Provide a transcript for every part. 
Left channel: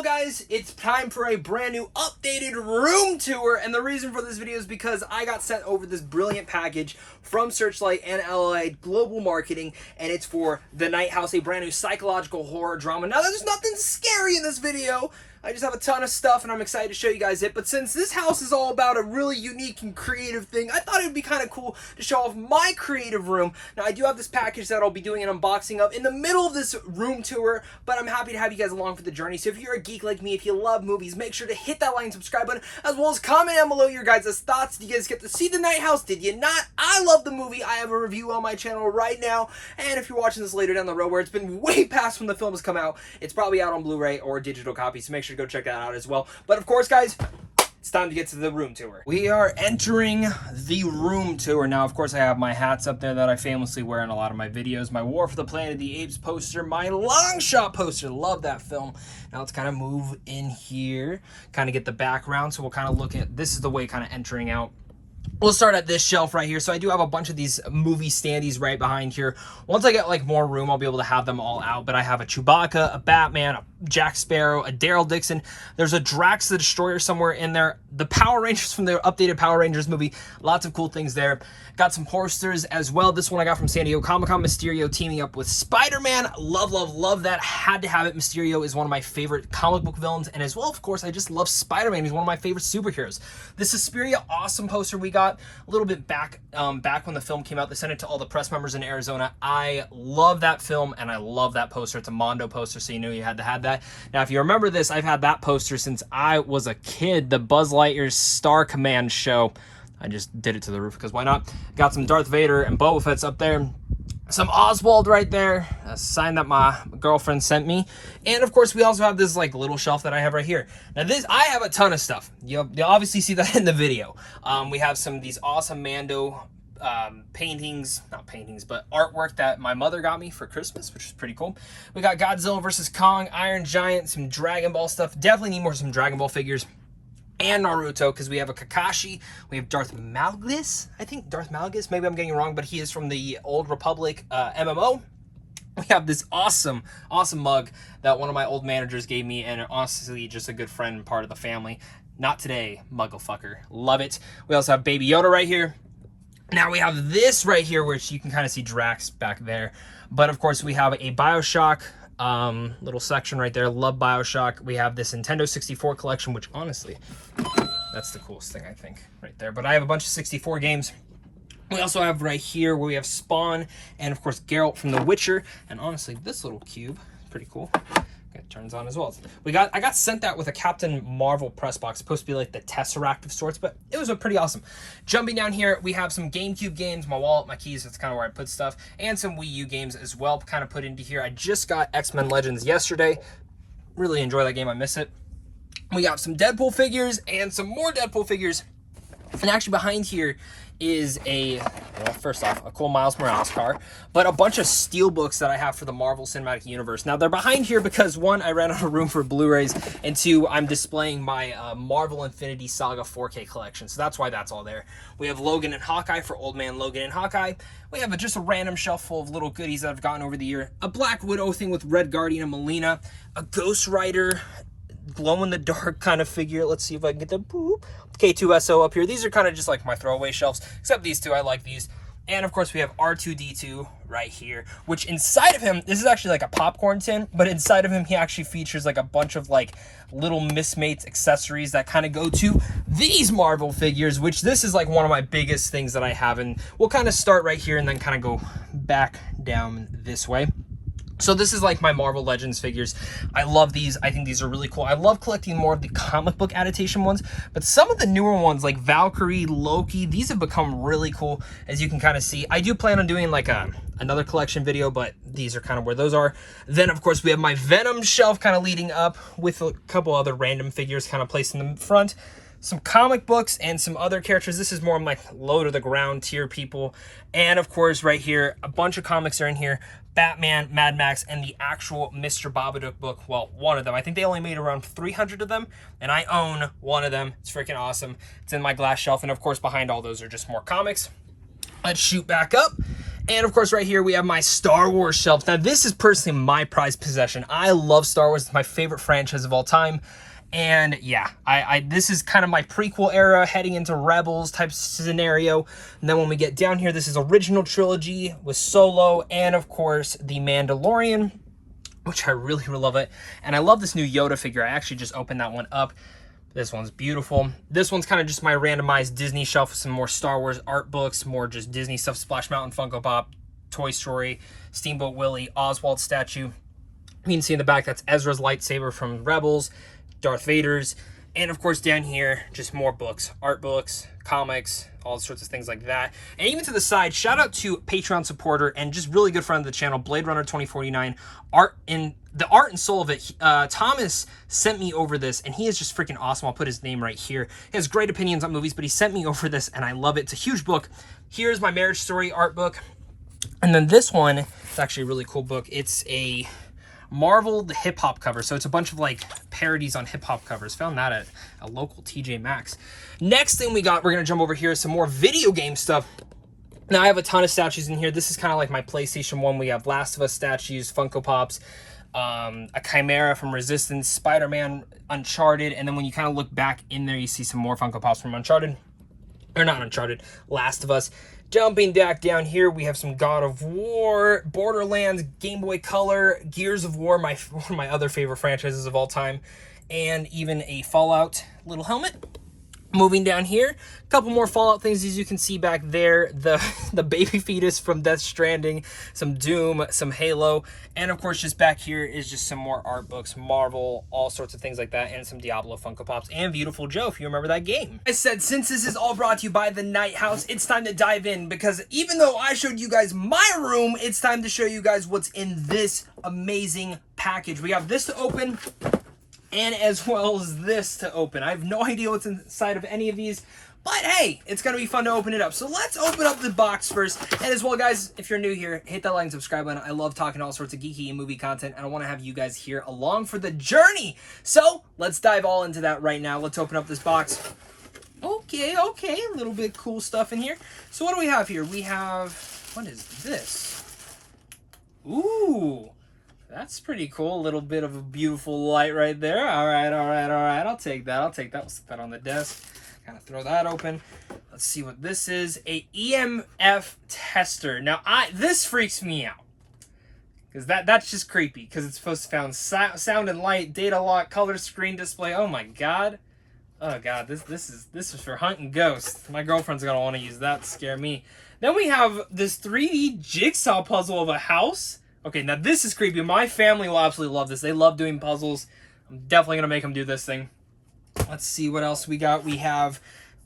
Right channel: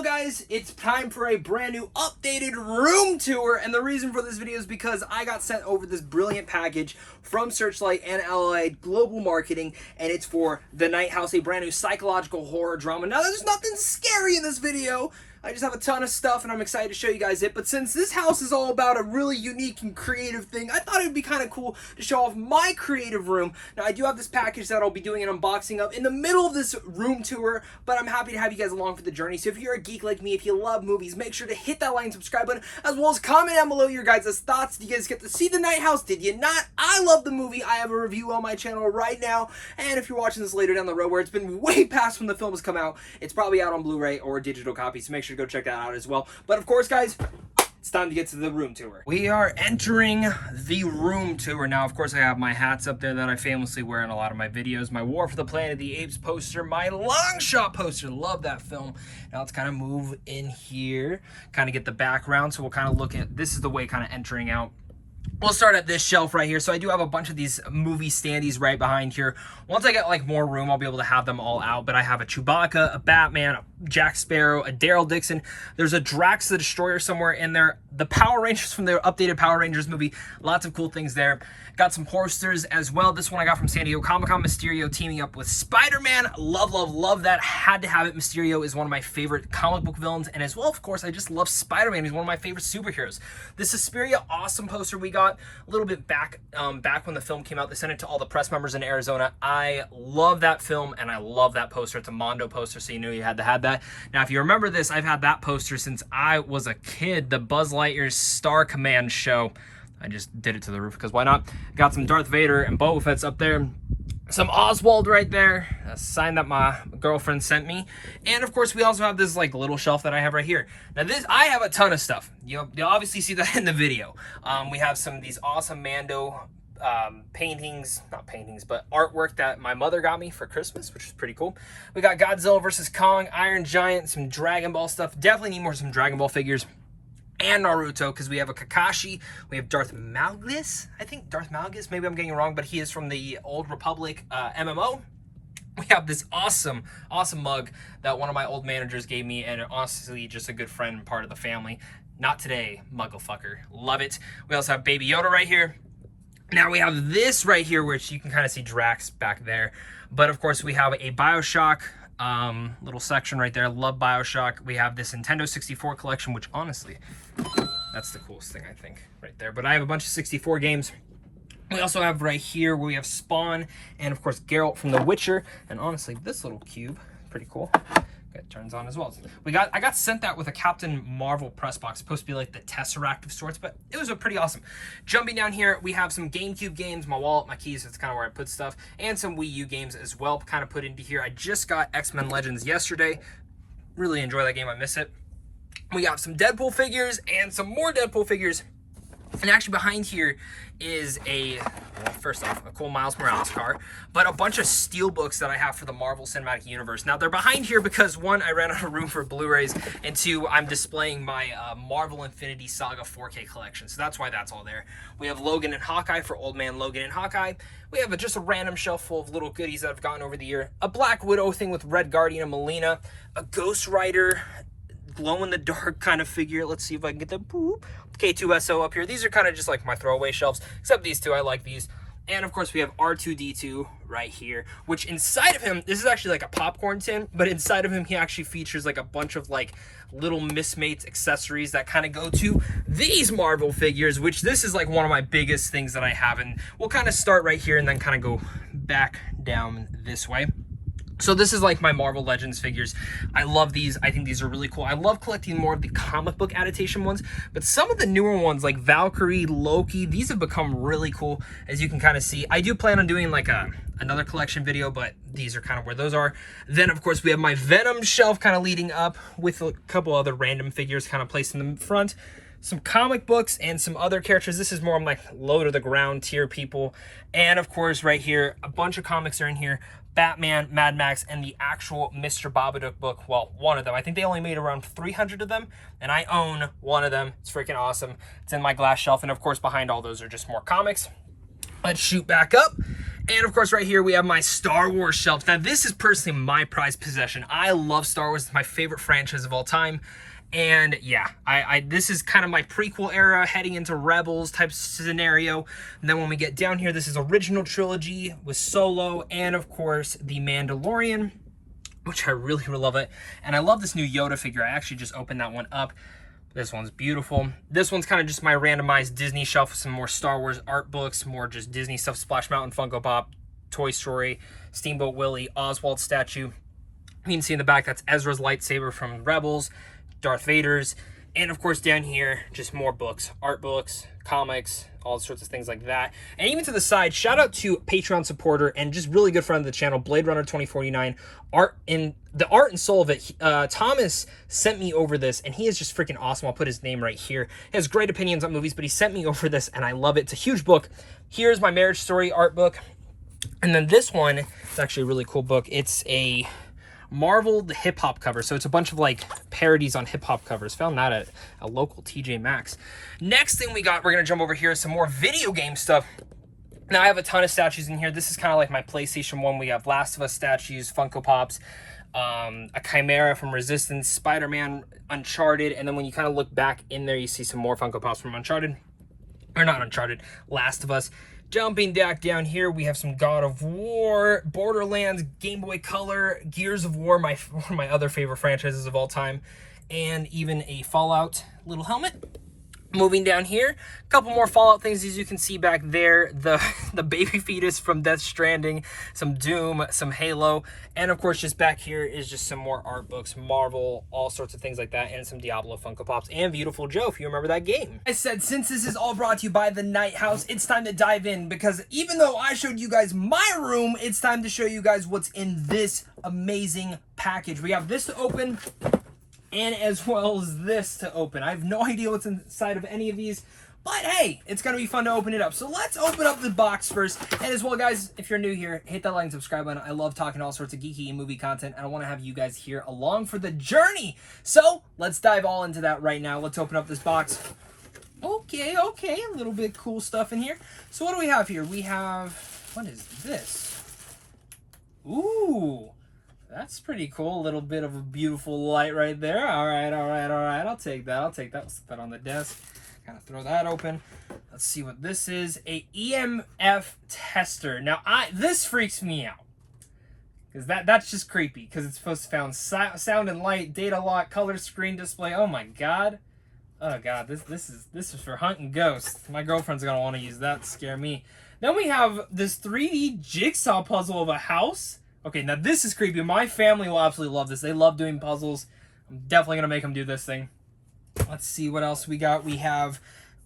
Well guys, it's time for a brand new updated room tour, and the reason for this video is because I got sent over this brilliant package from Searchlight and LA Global Marketing, and it's for The Nighthouse, a brand new psychological horror drama. Now there's nothing scary in this video, I just have a ton of stuff and I'm excited to show you guys it, but since this house is all about a really unique and creative thing, I thought it would be kind of cool to show off my creative room. Now I do have this package that I'll be doing an unboxing of in the middle of this room tour, but I'm happy to have you guys along for the journey. So if you're a geek like me, if you love movies, make sure to hit that like and subscribe button, as well as comment down below your guys' thoughts. Did you guys get to see The Nighthouse? Did you not? I love the movie. I have a review on my channel right now, and if you're watching this later down the road where it's been way past when the film has come out, it's probably out on Blu-ray or digital copy, so make sure to go check that out as well. But of course guys, it's time to get to the room tour. We are entering the room tour. Now of course I have my hats up there that I famously wear in a lot of my videos, my War for the Planet of the Apes poster, my Long Shot poster, love that film. Now let's kind of move in here, kind of get the background, so we'll kind of look at, this is the way kind of entering out. We'll start at this shelf right here. So I do have a bunch of these movie standees right behind here. Once I get like more room, I'll be able to have them all out. But I have a Chewbacca, a Batman, a Jack Sparrow, a Daryl Dixon. There's a Drax the Destroyer somewhere in there. The Power Rangers from the updated Power Rangers movie. Lots of cool things there. Got some posters as well. This one I got from San Diego Comic-Con. Mysterio teaming up with Spider-Man. Love, love, love that. Had to have it. Mysterio is one of my favorite comic book villains. And as well, of course, I just love Spider-Man. He's one of my favorite superheroes. This Suspiria awesome poster we got a little bit back when the film came out. They sent it to all the press members in Arizona. I love that film and I love that poster. It's a Mondo poster, so you knew you had to have that. Now, if you remember this, I've had that poster since I was a kid. The Buzz Lightyear Star Command show. I just did it to the roof because why not? Got some Darth Vader and Boba Fett's up there. Some Oswald right there, a sign that my girlfriend sent me. And of course, we also have this like little shelf that I have right here. Now this, I have a ton of stuff. You'll obviously see that in the video. We have some of these awesome Mando paintings, not paintings, but artwork that my mother got me for Christmas, which is pretty cool. We got Godzilla vs. Kong, Iron Giant, some Dragon Ball stuff. Definitely need some Dragon Ball figures. And Naruto, because we have a Kakashi, we have Darth Malgus, I think Darth Malgus, maybe I'm getting it wrong, but he is from the Old Republic MMO. We have this awesome mug that one of my old managers gave me, and honestly just a good friend and part of the family. Not today, Mugglefucker, love it. We also have Baby Yoda right here. Now we have this right here, which you can kind of see Drax back there, but of course we have a Bioshock little section right there. Love Bioshock. We have this Nintendo 64 collection, which honestly, that's the coolest thing I think right there. But I have a bunch of 64 games. We also have right here where we have Spawn and of course Geralt from The Witcher. And honestly, this little cube is pretty cool. It turns on as well. I got sent that with a Captain Marvel press box. Supposed to be like the Tesseract of sorts, but it was a pretty awesome. Jumping down here, we have some GameCube games, my wallet, my keys, that's kind of where I put stuff, and some Wii U games as well, kind of put into here. I just got X-Men Legends yesterday. Really enjoy that game, I miss it. We got some Deadpool figures and some more Deadpool figures. And actually behind here is first off, a cool Miles Morales car, but a bunch of steel books that I have for the Marvel Cinematic Universe. Now, they're behind here because, one, I ran out of room for Blu-rays, and two, I'm displaying my Marvel Infinity Saga 4K collection, so that's why that's all there. We have Logan and Hawkeye for Old Man Logan and Hawkeye. We have just a random shelf full of little goodies that I've gotten over the year. A Black Widow thing with Red Guardian and Melina. A Ghost Rider glow-in-the-dark kind of figure. Let's see if I can get the K2SO up here. These are kind of just like my throwaway shelves, except these two. I like these. And of course we have R2-D2 right here, which inside of him, this is actually like a popcorn tin, but inside of him he actually features like a bunch of like little Mistmates accessories that kind of go to these Marvel figures, which this is like one of my biggest things that I have. And we'll kind of start right here and then kind of go back down this way. So this is like my Marvel Legends figures. I love these. I think these are really cool. I love collecting more of the comic book adaptation ones, but some of the newer ones like Valkyrie, Loki, these have become really cool, as you can kind of see. I do plan on doing like another collection video, but these are kind of where those are. Then of course we have my Venom shelf kind of leading up with a couple other random figures kind of placed in the front. Some comic books and some other characters. This is more of like low to the ground tier people. And of course right here, a bunch of comics are in here. Batman, Mad Max, and the actual Mr. Babadook book. Well, one of them. I think they only made around 300 of them, and I own one of them. It's freaking awesome. It's in my glass shelf, and of course behind all those are just more comics. Let's shoot back up. And of course right here we have my Star Wars shelf. Now this is personally my prized possession. I love Star Wars. It's my favorite franchise of all time. And yeah, this is kind of my prequel era heading into Rebels type scenario. And then when we get down here, this is original trilogy with Solo and of course the Mandalorian, which I really love it. And I love this new Yoda figure. I actually just opened that one up. This one's beautiful. This one's kind of just my randomized Disney shelf with some more Star Wars art books, more just Disney stuff, Splash Mountain, Funko Pop, Toy Story, Steamboat Willie, Oswald statue. You can see in the back, that's Ezra's lightsaber from Rebels, Darth Vader's, and of course down here, just more books, art books, comics, all sorts of things like that. And even to the side, shout out to Patreon supporter and just really good friend of the channel, Blade Runner 2049. The art and soul of it, Thomas sent me over this, and he is just freaking awesome. I'll put his name right here. He has great opinions on movies, but he sent me over this, and I love it. It's a huge book. Here's my Marriage Story art book. And then this one, it's actually a really cool book. It's a Marvel the hip hop cover, so it's a bunch of like parodies on hip hop covers. Found that at a local TJ Maxx. Next thing we're gonna jump over here is some more video game stuff. Now I have a ton of statues in here. This is kind of like my PlayStation 1. We have Last of Us statues, Funko Pops, a Chimera from Resistance, Spider-Man, Uncharted, and then when you kind of look back in there, you see some more Funko Pops from Uncharted, or not Uncharted, Last of Us. Jumping back down here, we have some God of War, Borderlands, Game Boy Color, Gears of War, one of my other favorite franchises of all time, and even a Fallout little helmet. Moving down here, a couple more Fallout things, as you can see back there, the baby fetus from Death Stranding, some Doom, some Halo, and of course just back here is just some more art books, Marvel, all sorts of things like that, and some Diablo Funko Pops, and Beautiful Joe, if you remember that game. I said, since this is all brought to you by the Nighthouse, it's time to dive in, because even though I showed you guys my room, it's time to show you guys what's in this amazing package. We have this to open, and as well as this to open. I have no idea what's inside of any of these, but hey, it's gonna be fun to open it up. So let's open up the box first. And as well, guys, if you're new here, hit that like and subscribe button. I love talking all sorts of geeky and movie content, and I want to have you guys here along for the journey. So let's dive all into that right now. Let's open up this box. Okay, a little bit cool stuff in here. So what do we have here? We have, what is this? Ooh. That's pretty cool. A little bit of a beautiful light right there. All right. I'll take that. We'll set that on the desk. Kind of throw that open. Let's see what this is. A EMF tester. Now, this freaks me out. Because that's just creepy. Because it's supposed to sound and light, data lock, color screen display. Oh my god. Oh god, this is for hunting ghosts. My girlfriend's gonna want to use that to scare me. Then we have this 3D jigsaw puzzle of a house. Okay, now this is creepy. My family will absolutely love this. They love doing puzzles. I'm definitely going to make them do this thing. Let's see what else we got. We have,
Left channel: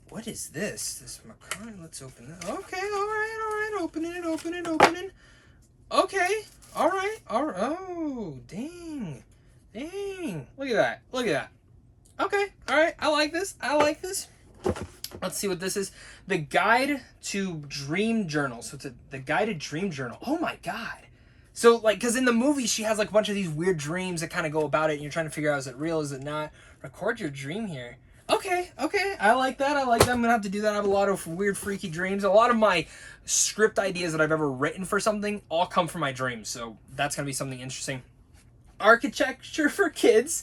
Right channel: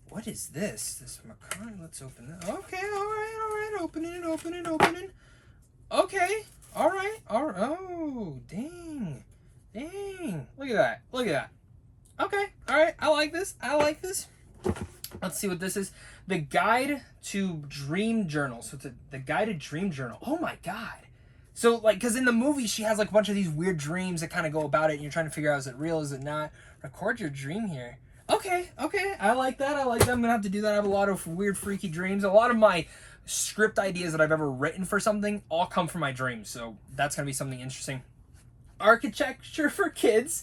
what is this? This macaron. Let's open that. Okay, all right. Opening it. Okay, all right. Oh, dang. Look at that. Okay, all right. I like this. Let's see what this is. The Guide to Dream Journal. So it's the Guided Dream Journal. Oh my god. So, like, because in the movie, she has, like, a bunch of these weird dreams that kind of go about it, and you're trying to figure out, is it real, is it not? Record your dream here. Okay. I like that. I'm going to have to do that. I have a lot of weird, freaky dreams. A lot of my script ideas that I've ever written for something all come from my dreams, so that's going to be something interesting. Architecture for kids.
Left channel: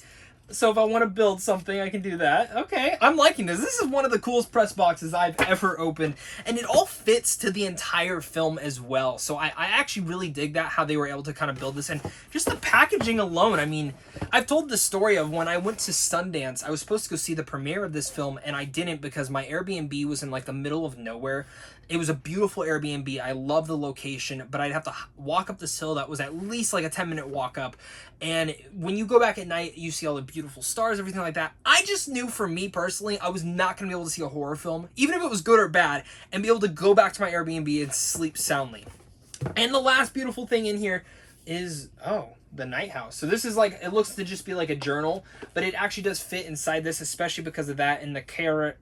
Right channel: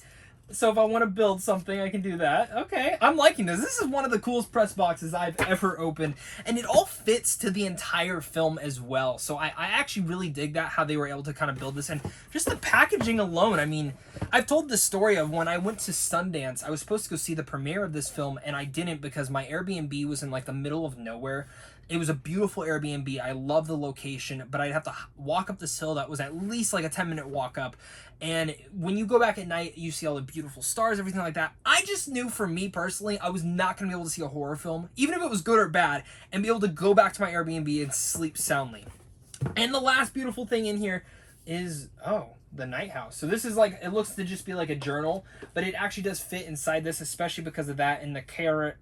So if I want to build something, I can do that. Okay, I'm liking this. This is one of the coolest press boxes I've ever opened. And it all fits to the entire film as well. So I actually really dig that, how they were able to kind of build this. And just the packaging alone, I mean, I've told the story of when I went to Sundance. I was supposed to go see the premiere of this film, and I didn't because my Airbnb was in like the middle of nowhere. It was a beautiful Airbnb. I love the location, but I'd have to walk up this hill that was at least like a 10-minute walk up. And when you go back at night, you see all the beautiful stars, everything like that. I just knew for me personally, I was not going to be able to see a horror film, even if it was good or bad, and be able to go back to my Airbnb and sleep soundly. And the last beautiful thing in here is, the Nighthouse. So this is like, it looks to just be like a journal, but it actually does fit inside this, especially because of that and I can't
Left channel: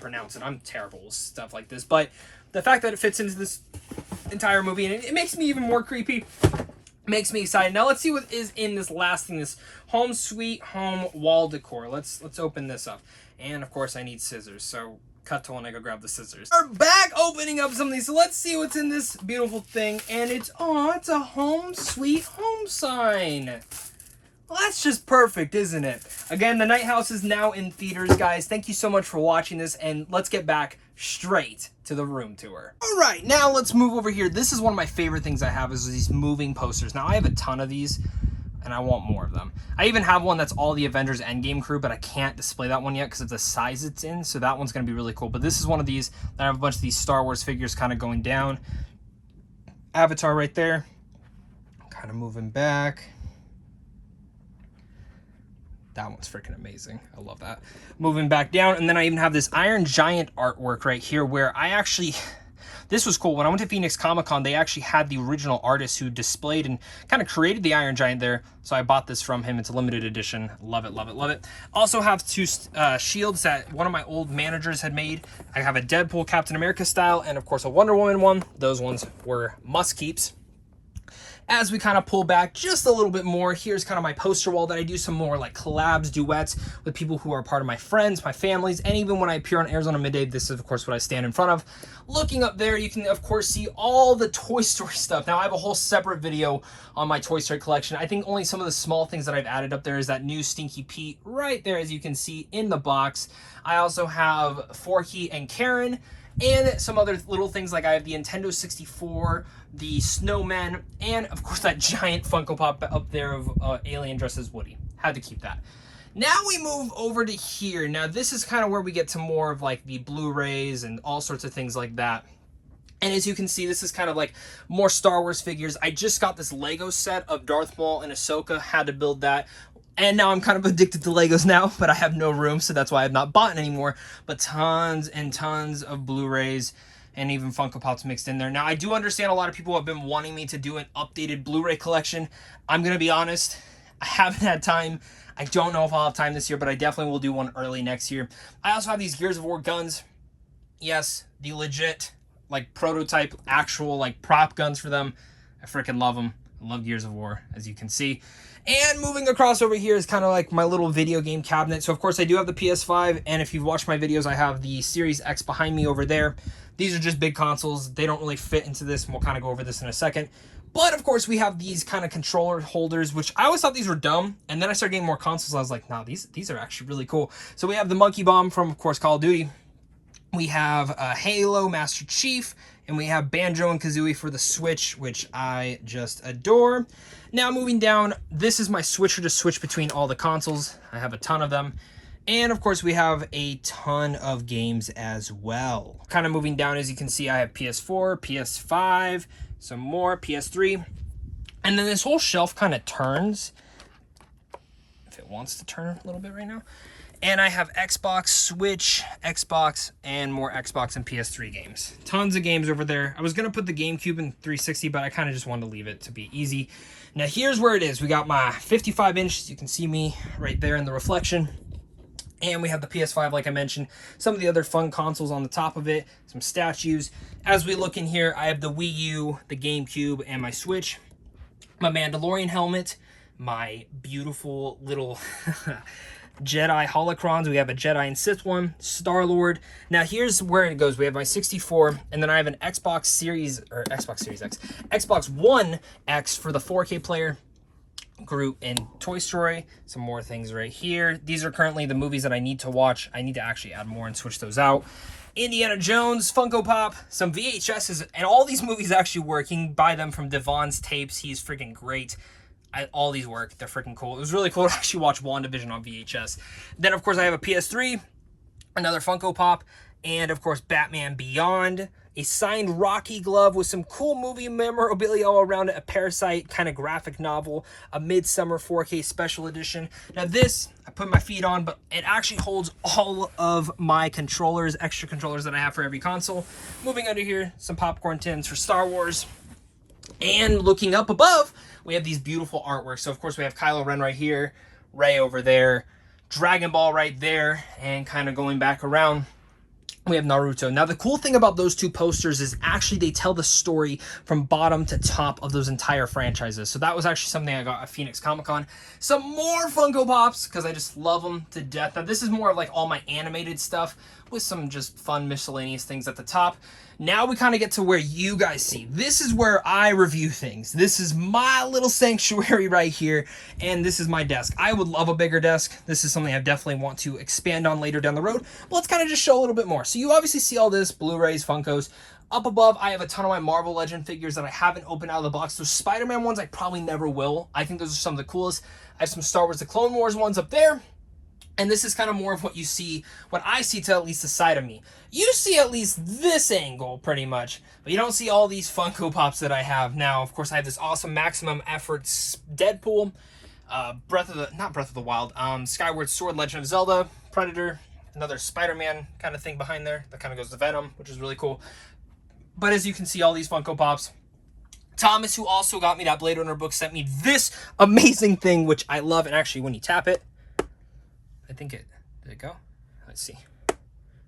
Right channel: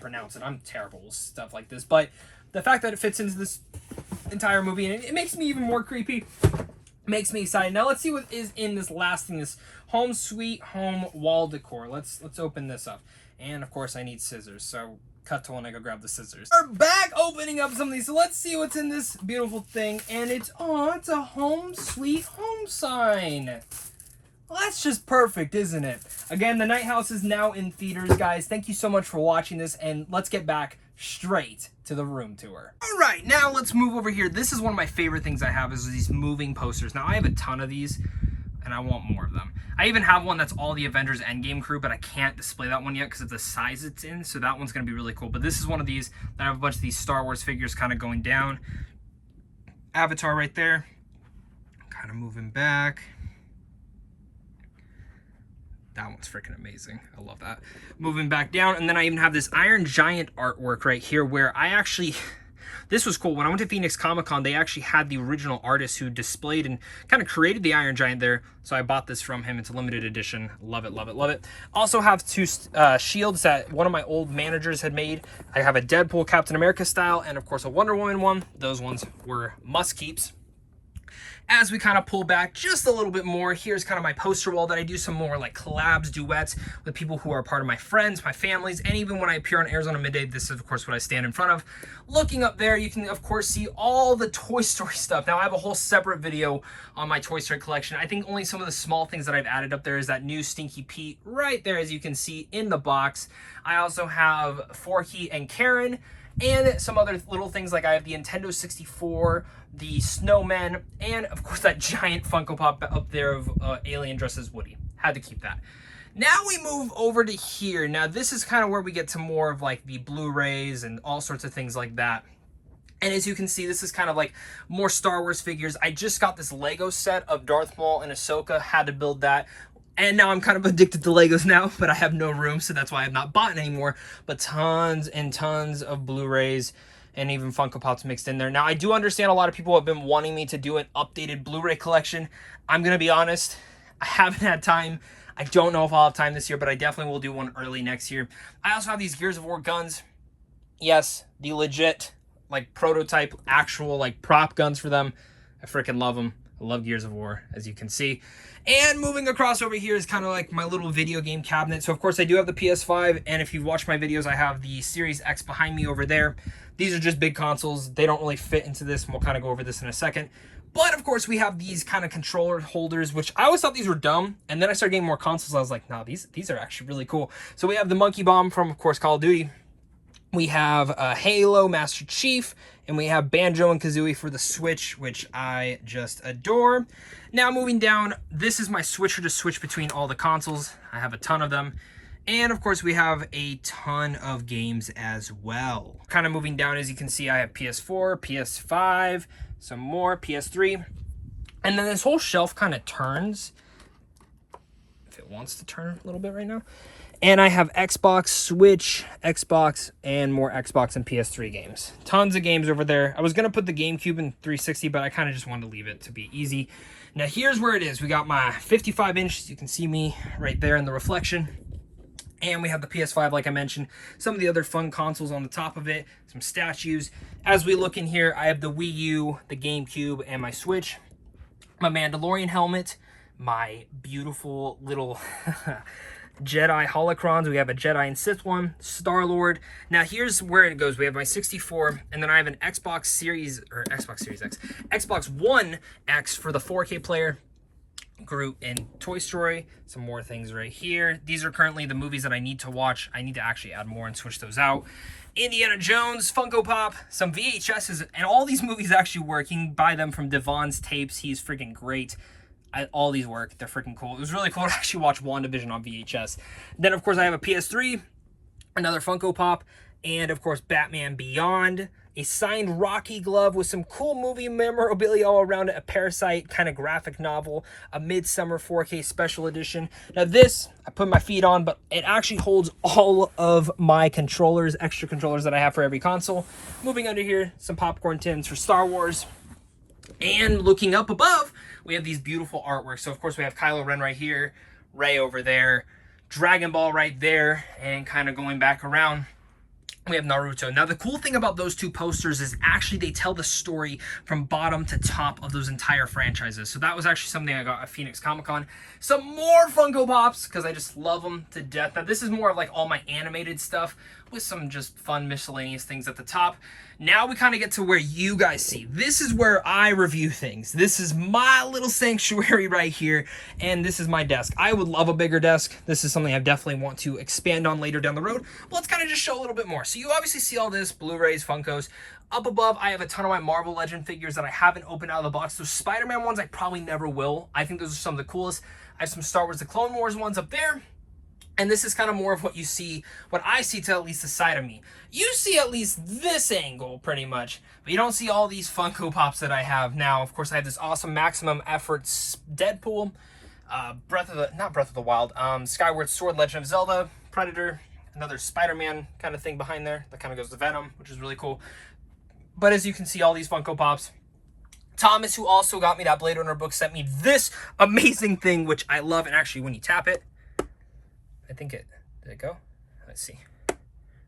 pronounce it. I'm terrible with stuff like this, but the fact that it fits into this entire movie, and it makes me even more creepy, makes me excited. Now let's see what is in this last thing, this Home Sweet Home wall decor. Let's open this up. And of course I need scissors. So Cut to when I go grab the scissors. We're back opening up some of these. So let's see what's in this beautiful thing. And it's a home sweet home sign. Well, that's just perfect, isn't it? Again, the Nighthouse is now in theaters, guys. Thank you so much for watching this, and let's get back straight to the room tour. All right, now let's move over here. This is one of my favorite things I have is these moving posters. Now, I have a ton of these, and I want more of them. I even have one that's all the Avengers Endgame crew, but I can't display that one yet because of the size it's in, so that one's going to be really cool. But this is one of these that I have a bunch of these Star Wars figures kind of going down. Avatar right there. Kind of moving back. That one's freaking amazing. I love that. Moving back down, and then I even have this Iron Giant artwork right here where I actually... This was cool. When I went to Phoenix Comic-Con, they actually had the original artist who displayed and kind of created the Iron Giant there. So I bought this from him. It's a limited edition. Love it, love it, love it. Also have two shields that one of my old managers had made. I have a Deadpool Captain America style and, of course, a Wonder Woman one. Those ones were must-keeps. As we kind of pull back just a little bit more, here's kind of my poster wall that I do some more like collabs, duets with people who are part of my friends, my families, and even when I appear on Arizona Midday, this is of course what I stand in front of. Looking up there, you can of course see all the Toy Story stuff. Now I have a whole separate video on my Toy Story collection. I think only some of the small things that I've added up there is that new Stinky Pete right there, as you can see in the box. I also have Forky and Karen, and some other little things like I have the Nintendo 64, the snowman, and of course that giant Funko Pop up there of Alien dressed as Woody. Had to keep that. Now we move over to here. Now this is kind of where we get to more of like the Blu-rays and all sorts of things like that. And as you can see, this is kind of like more Star Wars figures. I just got this Lego set of Darth Maul and Ahsoka, had to build that. And now I'm kind of addicted to Legos now, but I have no room, so that's why I've not bought anymore. But tons and tons of Blu-rays and even Funko Pops mixed in there. Now, I do understand a lot of people have been wanting me to do an updated Blu-ray collection. I'm going to be honest, I haven't had time. I don't know if I'll have time this year, but I definitely will do one early next year. I also have these Gears of War guns. Yes, the legit, like, prototype, actual, like, prop guns for them. I freaking love them. I love Gears of War, as you can see. And moving across over here is kind of like my little video game cabinet. So, of course, I do have the PS5, and if you've watched my videos, I have the Series X behind me over there. These are just big consoles. They don't really fit into this, and we'll kind of go over this in a second. But, of course, we have these kind of controller holders, which I always thought these were dumb, and then I started getting more consoles, and I was like, nah, these are actually really cool. So we have the Monkey Bomb from, of course, Call of Duty. We have Halo, Master Chief, and we have Banjo and Kazooie for the Switch, which I just adore. Now moving down, this is my switcher to switch between all the consoles. I have a ton of them. And of course we have a ton of games as well. Kind of moving down, as you can see, I have PS4, PS5, some more, PS3. And then this whole shelf kind of turns, if it wants to turn a little bit right now. And I have Xbox, Switch, Xbox, and more Xbox and PS3 games. Tons of games over there. I was going to put the GameCube in 360, but I kind of just wanted to leave it to be easy. Now here's where it is. We got my 55-inch. You can see me right there in the reflection. And we have the PS5, like I mentioned. Some of the other fun consoles on the top of it. Some statues. As we look in here, I have the Wii U, the GameCube, and my Switch. My Mandalorian helmet. My beautiful little... Jedi holocrons. We have a Jedi and Sith one, Star-Lord. Now here's where it goes. We have my 64, and then I have an Xbox Series X, Xbox One X for the 4K player. Groot and Toy Story. Some more things right here. These are currently the movies that I need to watch. I need to actually add more and switch those out. Indiana Jones, Funko Pop, some VHSs, and all these movies actually work. You can buy them from Devon's Tapes. He's freaking great. All these work. They're freaking cool. It was really cool to actually watch WandaVision on VHS. Then, of course, I have a PS3, another Funko Pop, and, of course, Batman Beyond, a signed Rocky glove with some cool movie memorabilia all around it, a Parasite kind of graphic novel, a Midsummer 4K special edition. Now, this, I put my feet on, but it actually holds all of my controllers, extra controllers that I have for every console. Moving under here, some popcorn tins for Star Wars. And looking up above, we have these beautiful artworks. So, of course, we have Kylo Ren right here, Rey over there, Dragon Ball right there, and kind of going back around, we have Naruto. Now, the cool thing about those two posters is actually they tell the story from bottom to top of those entire franchises. So that was actually something I got at Phoenix Comic-Con. Some more Funko Pops, because I just love them to death. Now, this is more of like all my animated stuff, with some just fun miscellaneous things at the top. Now we kind of get to where you guys see. This is where I review things. This is my little sanctuary right here, and this is my desk. I would love a bigger desk. This is something I definitely want to expand on later down the road, but let's kind of just show a little bit more. So you obviously see all this, Blu-rays, Funkos. Up above, I have a ton of my Marvel Legend figures that I haven't opened out of the box. Those Spider-Man ones I probably never will. I think those are some of the coolest. I have some Star Wars The Clone Wars ones up there. And this is kind of more of what you see, what I see to at least the side of me. You see at least this angle pretty much, but you don't see all these Funko Pops that I have now. Of course, I have this awesome Maximum Efforts Deadpool, not Breath of the Wild, Skyward Sword, Legend of Zelda, Predator, another Spider-Man kind of thing behind there that kind of goes to Venom, which is really cool. But as you can see, all these Funko Pops. Thomas, who also got me that Blade Runner book, sent me this amazing thing, which I love. And actually, when you tap it, I think did it go? Let's see.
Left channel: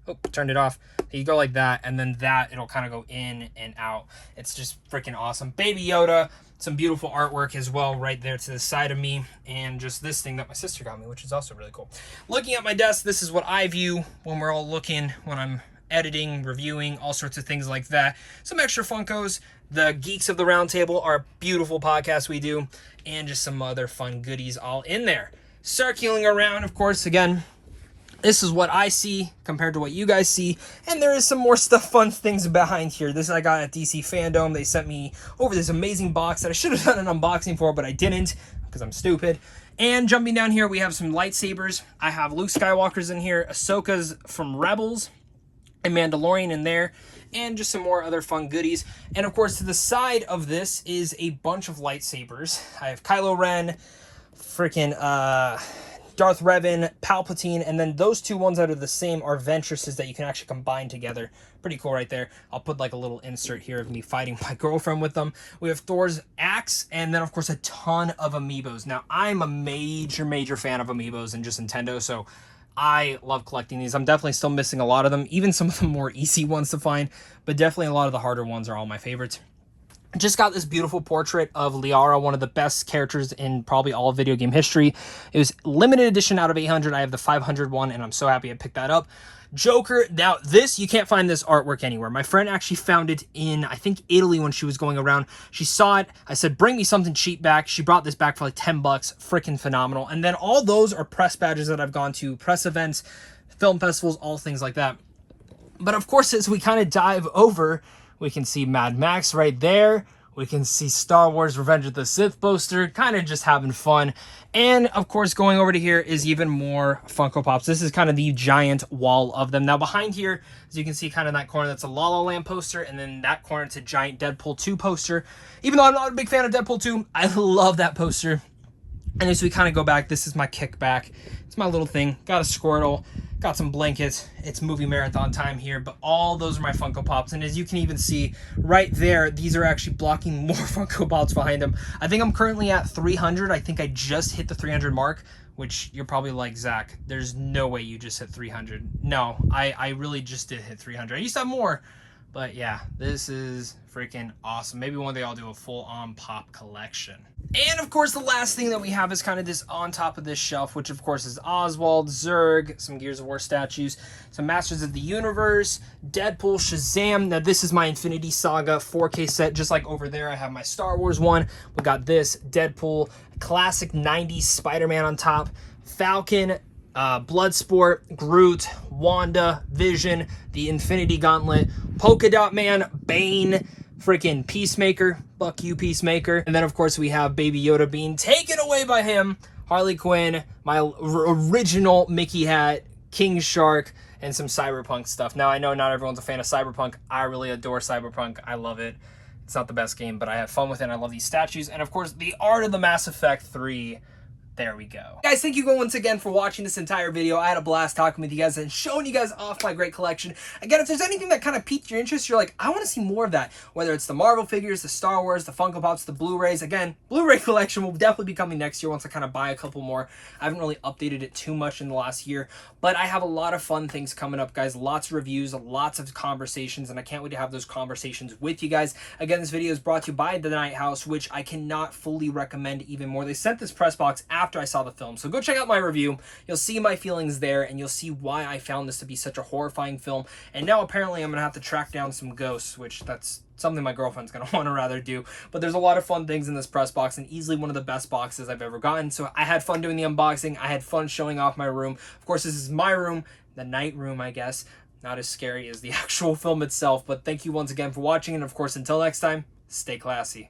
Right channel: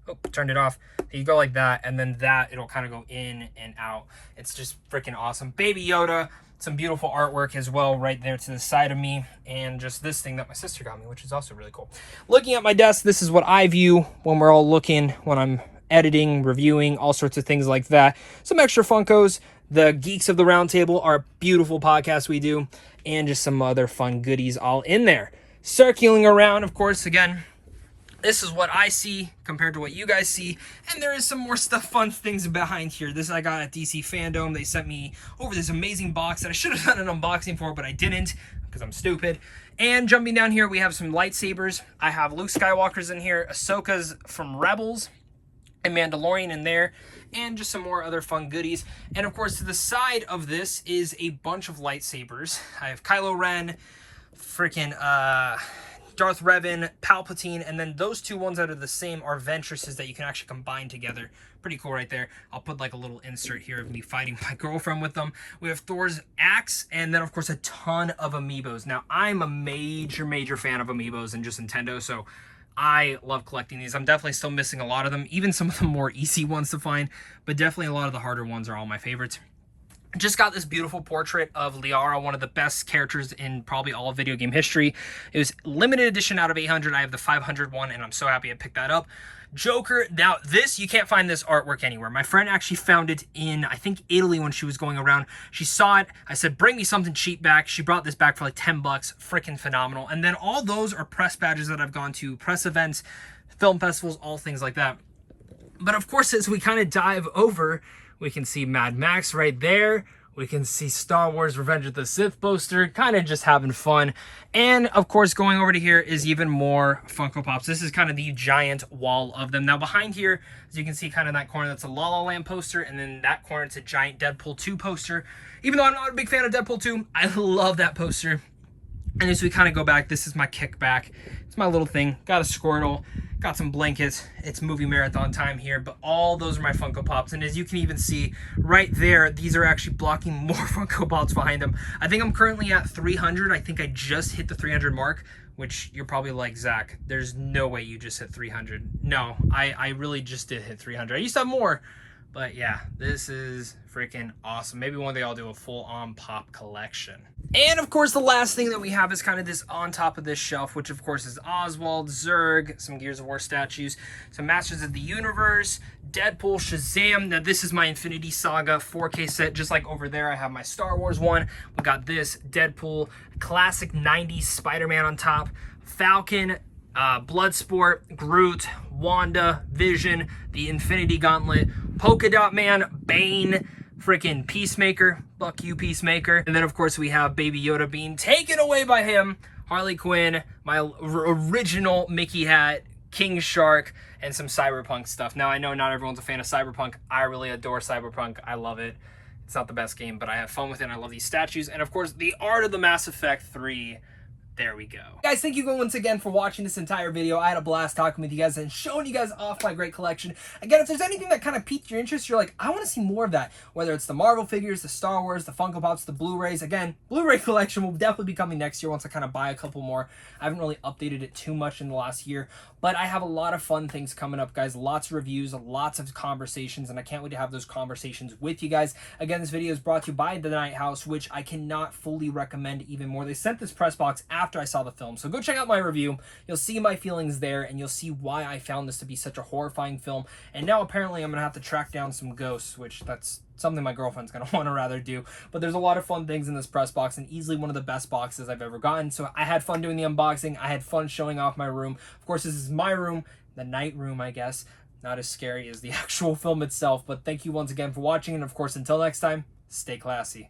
Oh, turned it off. You go like that, and then that, it'll kind of go in and out. It's just freaking awesome. Baby Yoda, some beautiful artwork as well right there to the side of me, and just this thing that my sister got me, which is also really cool. Looking at my desk, this is what I view when we're all looking, when I'm editing, reviewing, all sorts of things like that. Some extra Funkos. The Geeks of the Round Table, our beautiful podcast we do, and just some other fun goodies all in there. Circling around, of course, again, this is what I see compared to what you guys see, and there is some more stuff, fun things behind here. This I got at DC Fandom. They sent me over this amazing box that I should have done an unboxing for, but I didn't because I'm stupid. And jumping down here, we have some lightsabers. I have Luke Skywalker's in here, Ahsoka's from Rebels, and Mandalorian in there, and just some more other fun goodies. And of course, to the side of this is a bunch of lightsabers. I have Kylo Ren, freaking Darth Revan, Palpatine, and then those two ones that are the same are Ventresses that you can actually combine together. Pretty cool right there. I'll put like a little insert here of me fighting my girlfriend with them. We have Thor's axe, and then of course a ton of amiibos. Now I'm a major fan of amiibos and just Nintendo, so I love collecting these. I'm definitely still missing a lot of them, even some of the more easy ones to find, but definitely a lot of the harder ones are all my favorites. Just got this beautiful portrait of Liara, one of the best characters in probably all of video game history. It was limited edition out of 800. I have the 500 one, and I'm so happy I picked that up. Joker, now this, you can't find this artwork anywhere. My friend actually found it in, I think, Italy when she was going around. She saw it. I said, bring me something cheap back. She brought this back for like 10 bucks. Freaking phenomenal. And then all those are press badges that I've gone to, press events, film festivals, all things like that. But of course, as we kind of dive over, we can see Mad Max right there. We can see Star Wars Revenge of the Sith poster, kind of just having fun. And of course, going over to here is even more Funko Pops. This is kind of the giant wall of them. Now behind here, as you can see kind of that corner, that's a La La Land poster. And then that corner, it's a giant Deadpool 2 poster. Even though I'm not a big fan of Deadpool 2, I love that poster. And as we kind of go back, this is my kickback. It's my little thing. Got a Squirtle, got some blankets. It's movie marathon time here, but all those are my Funko Pops. And as you can even see right there, these are actually blocking more Funko Pops behind them. I think I'm currently at 300. I think I just hit the 300 mark, which you're probably like, Zach, there's no way you just hit 300. No, I really just did hit 300. I used to have more, but yeah, this is freaking awesome. Maybe one day I'll do a full-on pop collection. And of course, the last thing that we have is kind of this on top of this shelf, which of course is Oswald, Zurg, some Gears of War statues, some Masters of the Universe, Deadpool, Shazam. Now this is my Infinity Saga 4K set, just like over there I have my Star Wars one. We got this, Deadpool, classic 90s Spider-Man on top, Falcon, Bloodsport, Groot, Wanda, Vision, the Infinity Gauntlet, Polka Dot Man, Bane, freaking Peacemaker, fuck you Peacemaker. And then of course we have Baby Yoda being taken away by him, Harley Quinn, my original Mickey hat, King Shark, and some Cyberpunk stuff. Now I know not everyone's a fan of Cyberpunk. I really adore Cyberpunk. I love it. It's not the best game, but I have fun with it. And I love these statues. And of course the art of the Mass Effect 3. There we go. Guys, thank you once again for watching this entire video. I had a blast talking with you guys and showing you guys off my great collection. Again, if there's anything that kind of piqued your interest, you're like, I want to see more of that. Whether it's the Marvel figures, the Star Wars, the Funko Pops, the Blu-rays. Again, Blu-ray collection will definitely be coming next year once I kind of buy a couple more. I haven't really updated it too much in the last year, but I have a lot of fun things coming up, guys. Lots of reviews, lots of conversations, and I can't wait to have those conversations with you guys. Again, this video is brought to you by the Nighthouse, which I cannot fully recommend even more. They sent this press box after after I saw the film. So go check out my review. You'll see my feelings there, and you'll see why I found this to be such a horrifying film. And now apparently I'm going to have to track down some ghosts, which that's something my girlfriend's going to want to rather do. But there's a lot of fun things in this press box, and easily one of the best boxes I've ever gotten. So I had fun doing the unboxing. I had fun showing off my room. Of course, this is my room, the night room, I guess. Not as scary as the actual film itself. But thank you once again for watching. And of course, until next time, stay classy.